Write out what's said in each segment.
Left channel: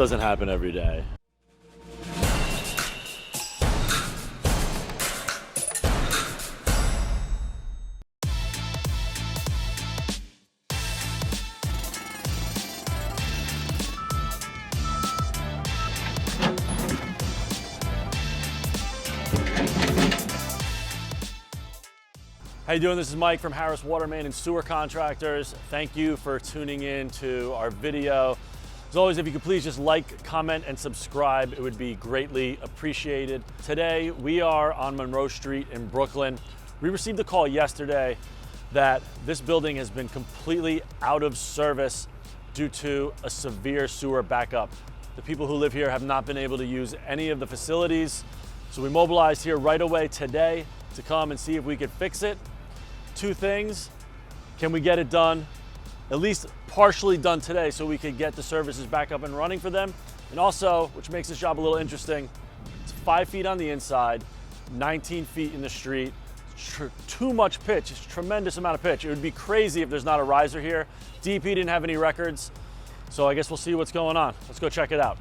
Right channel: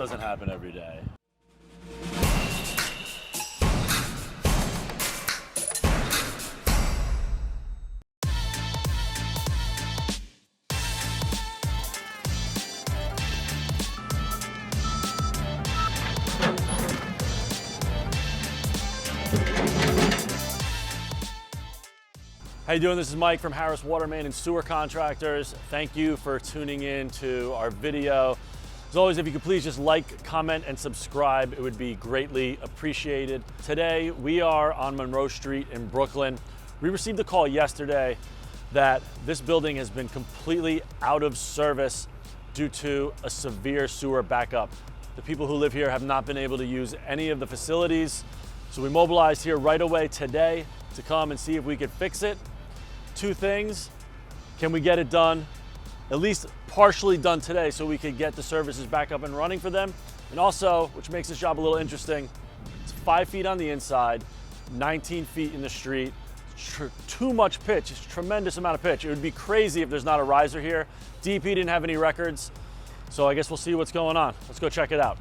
doesn't happen every day. How you doing? This is Mike from Harris Water Main and Sewer Contractors. Thank you for tuning in to our video. As always, if you could please just like, comment, and subscribe, it would be greatly appreciated. Today, we are on Monroe Street in Brooklyn. We received a call yesterday that this building has been completely out of service due to a severe sewer backup. The people who live here have not been able to use any of the facilities. So we mobilized here right away today to come and see if we could fix it. Two things: can we get it done, at least partially done today, so we could get the services back up and running for them? And also, which makes this job a little interesting, it's 5 feet on the inside, 19 feet in the street. Too much pitch, it's a tremendous amount of pitch. It would be crazy if there's not a riser here. DP didn't have any records, so I guess we'll see what's going on. Let's go check it out.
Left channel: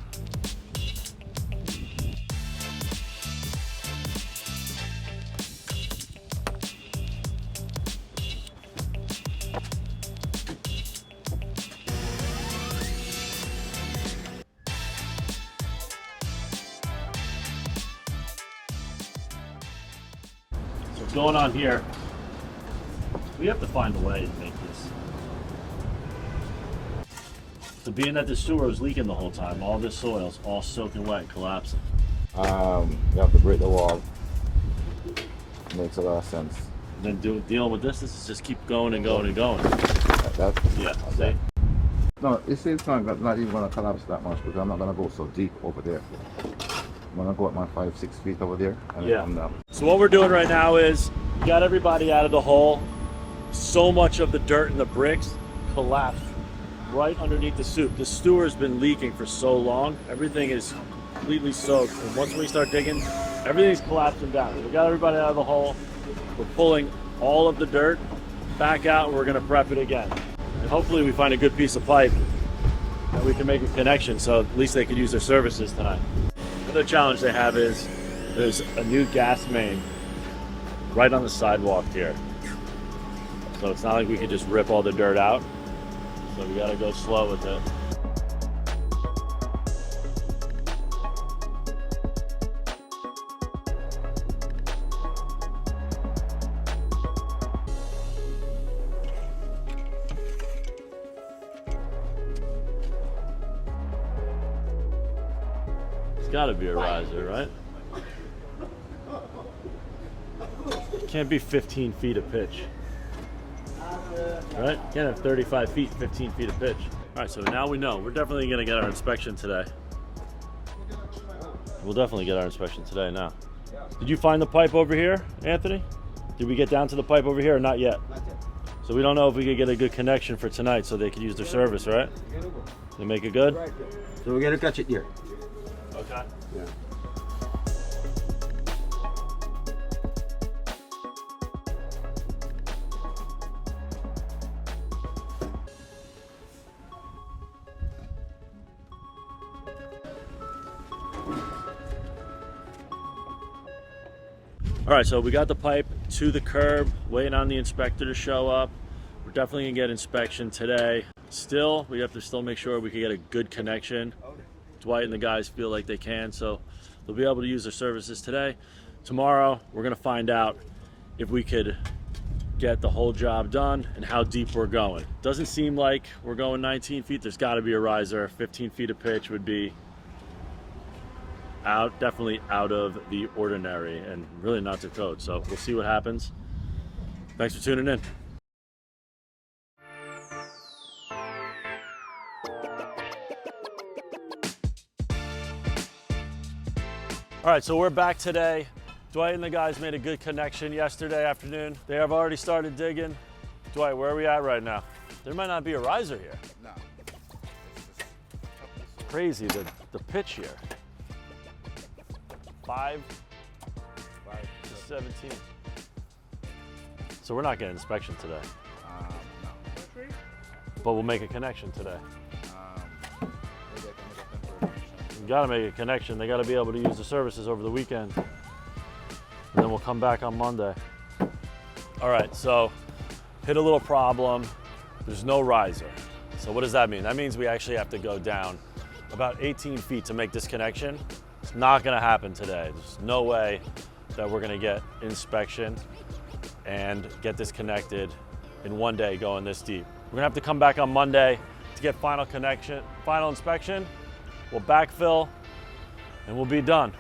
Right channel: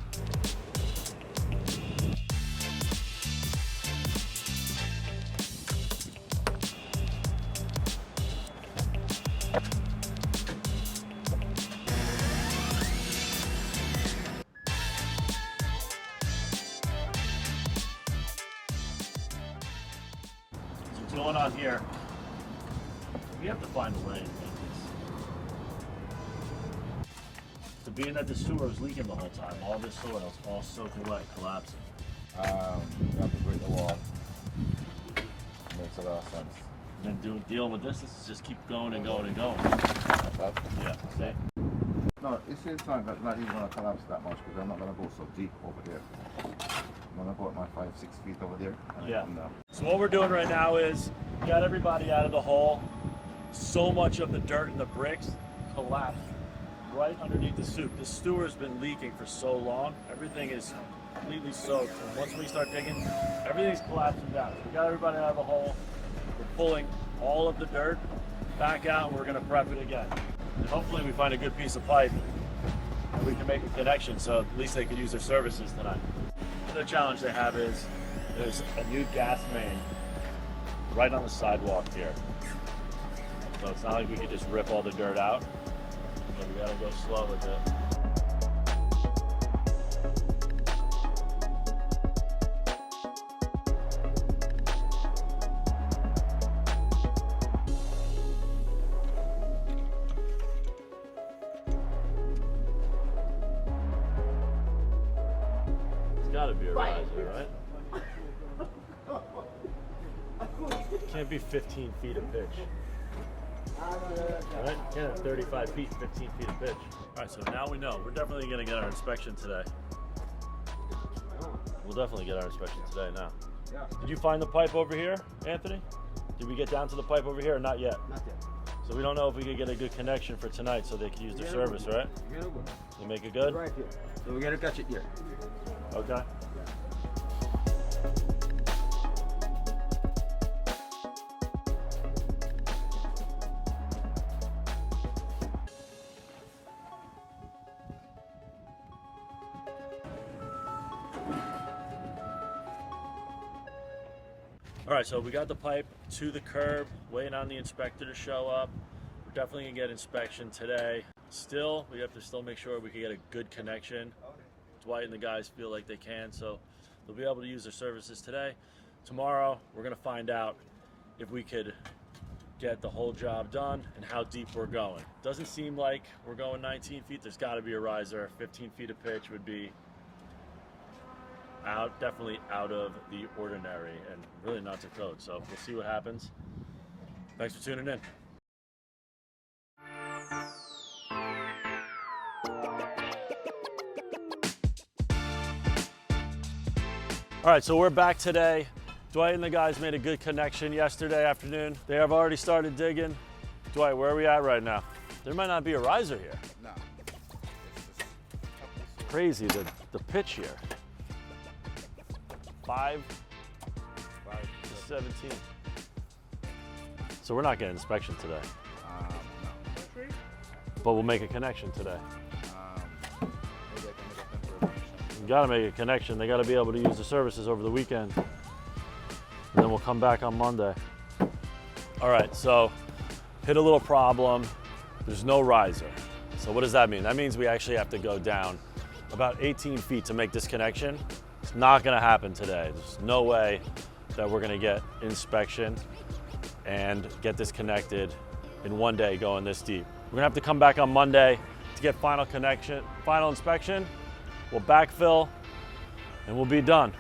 What's going on here? We have to find a way to make this. So being that the sewer was leaking the whole time, all this soil is all soaking wet and collapsing. You have to break the wall. Makes a lot of sense. And then dealing with this is just keep going and going and going. Like that? Yeah, see? No, it's not even going to collapse that much because I'm not going to go so deep over there. I'm going to go up my 5-6 feet over there and Yeah. come down. So what we're doing right now is we got everybody out of the hole. So much of the dirt and the bricks collapsed right underneath the soup. The sewer has been leaking for so long. Everything is completely soaked. And once we start digging, everything's collapsing down. We got everybody out of the hole. We're pulling all of the dirt back out and we're gonna prep it again. And hopefully we find a good piece of pipe and we can make a connection so at least they can use their services tonight. The challenge they have is there's a new gas main right on the sidewalk here. So it's not like we can just rip all the dirt out. So we gotta go slow with it. It's gotta be a riser, right? Can't be 15 feet of pitch. Right? Can't have 35 feet, 15 feet of pitch. All right, so now we know. We're definitely gonna get our inspection today. We'll definitely get our inspection today now. Did you find the pipe over here, Anthony? Did we get down to the pipe over here or not yet? So we don't know if we could get a good connection for tonight so they can use their service, right? You make it good? So we're going to catch it here. Okay. All right, so we got the pipe to the curb, waiting on the inspector to show up. We're definitely gonna get inspection today. Still, we have to still make sure we can get a good connection. Dwight and the guys feel like they can, so they'll be able to use their services today. Tomorrow, we're gonna find out if we could get the whole job done and how deep we're going. Doesn't seem like we're going 19 feet. There's gotta be a riser. 15 feet of pitch would be definitely out of the ordinary and really not to code. So we'll see what happens. Thanks for tuning in. All right, so we're back today. Dwight and the guys made a good connection yesterday afternoon. They have already started digging. Dwight, where are we at right now? There might not be a riser here. No. Crazy, the pitch here. 5 to 17. So we're not getting inspection today. No. But we'll make a connection today. Maybe I can make a temporary gotta make a connection. They gotta be able to use the services over the weekend. And then we'll come back on Monday. All right, so hit a little problem. There's no riser. So what does that mean? That means we actually have to go down about 18 feet to make this connection. It's not gonna happen today. There's no way that we're gonna get inspection and get this connected in one day going this deep. We're gonna have to come back on Monday to get final inspection. We'll backfill and we'll be done.